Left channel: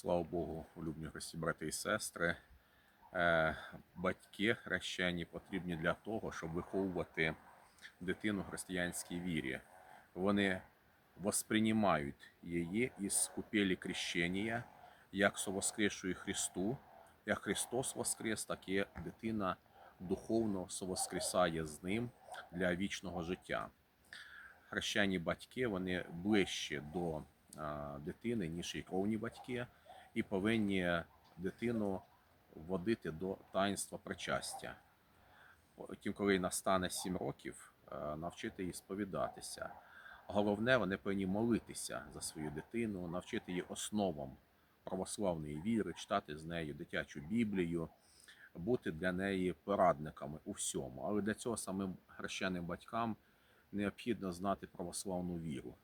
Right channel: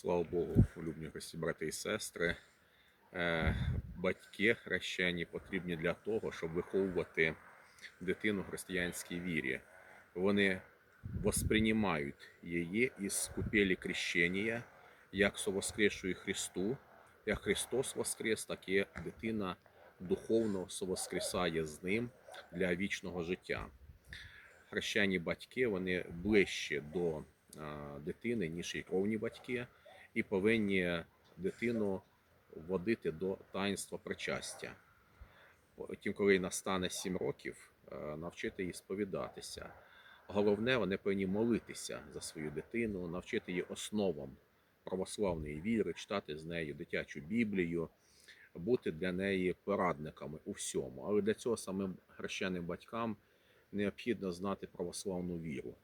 Слава Богу, улюблені Христі, брати і сестри. Е, Батьки хрещені потрібні для того, щоб виховувати дитину в християнській вірі. Вони восприймають її із купелі крещення, як совоскресшую Христу, як Христос воскрес, так і дитина духовно совоскресає з ним для вічного життя. Хрещені батьки вони ближче до дитини, ніж і кровні батьки, і повинні дитину вводити до таїнства причастя. Потім, коли настане 7 років, е, навчити її сповідатися. Головне, вони повинні молитися за свою дитину, навчити її основам православної віри, читати з нею дитячу Біблію, бути для неї порадниками у всьому. Але для цього самим хрещеним батькам необхідно знати православну віру.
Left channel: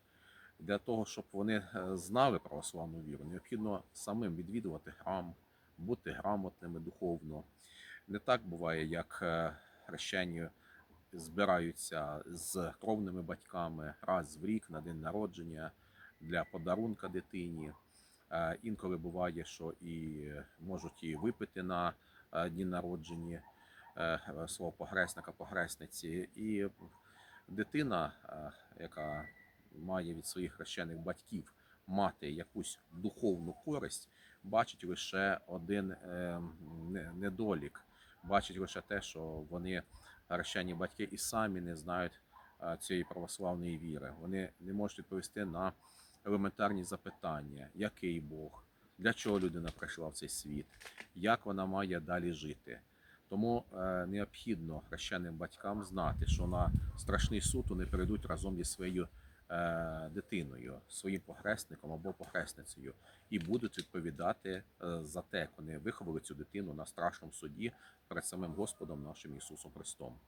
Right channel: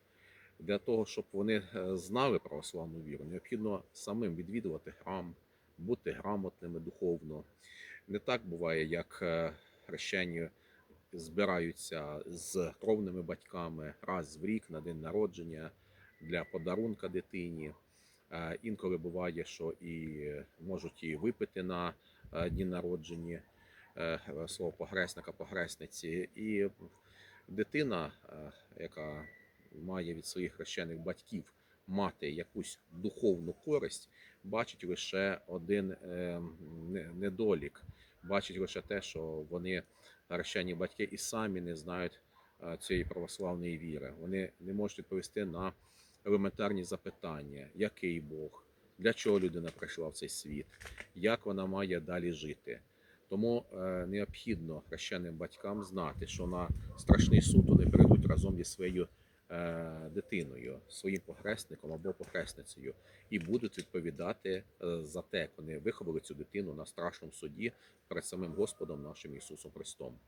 Для того, щоб вони е, знали православну віру, необхідно самим відвідувати храм, бути грамотними духовно. Не так буває, як е, хрещені збираються з кровними батьками раз в рік на день народження для подарунка дитині. Е, Інколи буває, що і можуть і випити на дні народження свого погресника, погресниці. І дитина, яка має від своїх хрещених батьків мати якусь духовну користь, бачить лише один е, недолік, бачить лише те, що вони хрещені батьки і самі не знають е, цієї православної віри. Вони не можуть відповісти на елементарні запитання, який Бог, для чого людина прийшла в цей світ, як вона має далі жити. Тому е, необхідно хрещеним батькам знати, що на страшний суд вони прийдуть разом зі своєю дитиною, своїм похресником або похресницею, і будуть відповідати е, за те, як вони виховали цю дитину на страшному суді перед самим Господом нашим Ісусом Христом.